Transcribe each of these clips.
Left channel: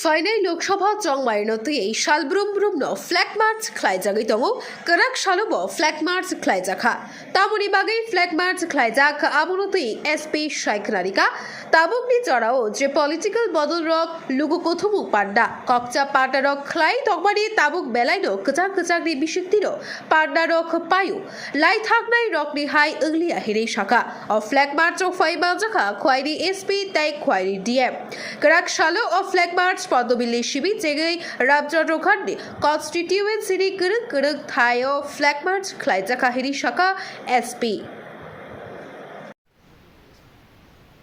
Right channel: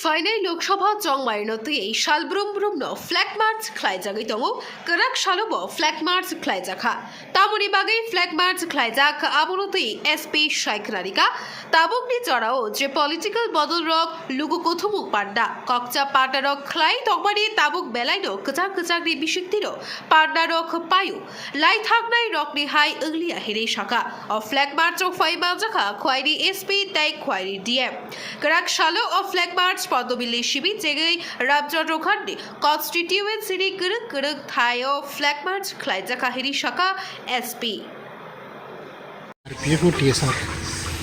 Finally, Lok Sabha Chong Marinoti, Shalbrum Brumno, Flag March, Klaijagitongo, Karak Shalobo, Flag March, Klaijaka, Tamuni Bagay, Flag March, Klaijak, Abunuti, SP Shaikrarika, Tabukni Chorao, Je Political Bottle Rock, Lugokotumu Panda, Kokcha Patarok, Klai, Tokbadi, Tabuk Belaido, Kachakri Bishitiro, Panda Rock Payu, Light Hagnai Rockni High Ugly Ahiri Shaka, of Flag March of Faibazaka, Quairi SP, Tai Quairi DM, Karak Shalo of Flag March. পদ্মবিল্লী শিবির জেগে রাবচন্দ্র Khande constituency করক করক থাयो flag march खलाइजा काहिरी शाखा SP RPF और TSR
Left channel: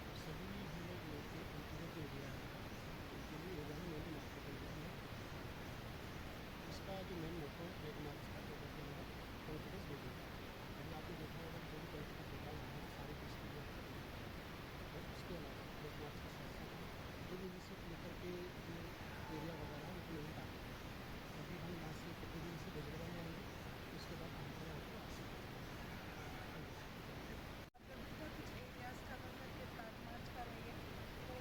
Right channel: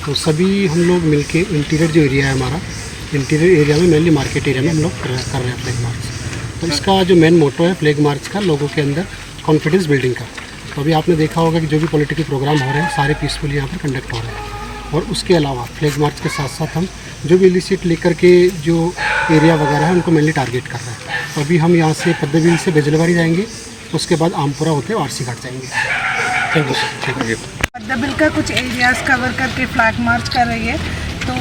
तो सभी हम लोग मिलके interior जो area है हमारा इंटीरियर एरिया में मेनली मार्केट एरिया में हम लोग कर रहे हैं फ्लैग मार्च। तो इसका जो मेन मोटो है फ्लैग मार्च का लोगों के अंदर कॉन्फिडेंस बिल्डिंग का। तो अभी आपने देखा होगा कि जो भी पॉलिटिकल प्रोग्राम हो रहे हैं सारे पीसफुल यहाँ पर कंडक्ट हो रहे हैं। और उसके अलावा फ्लैग मार्च के साथ साथ हम जो भी इलिसिट लेकर के जो एरिया वगैरह है उनको मेनली टारगेट कर रहे हैं। तो अभी हम यहाँ से पद्मबिल से बेजलवाड़ी जाएंगे, उसके बाद आमपुरा होते हुए आरसी घाट जाएंगे। Thank you. पद्मबिल का कुछ एरियाज़ कवर करके फ्लैग मार्च कर रही है। तो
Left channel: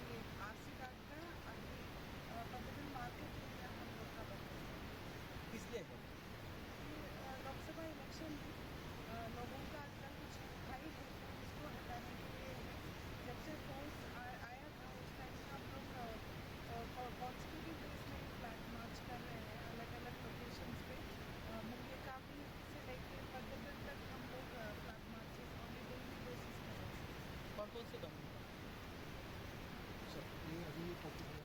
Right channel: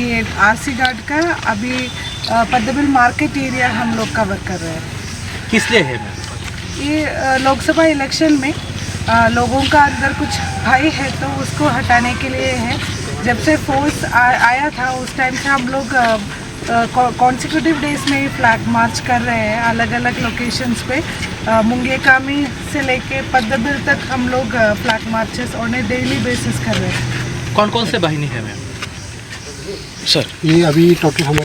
ये आरसी घाट का अभी पद्मबिल मार्केट एरिया हम लोग कवर कर रहे हैं। किस लिए है? ये लोकसभा इलेक्शन में लोगों का अंदर कुछ भय है तो उसको हटाने के लिए है। जब से फोर्स आया था उस टाइम से हम लोग कॉन्सिक्यूटिव डेज में फ्लैग मार्च कर रहे हैं अलग अलग लोकेशंस पे। मुंगेकामी से लेके पद्मबिल तक हम लोग flag marches on A daily basis कर रहे हैं। कौन कौन से बाहिनी है मैम? सर ये अभी टोटल हमारे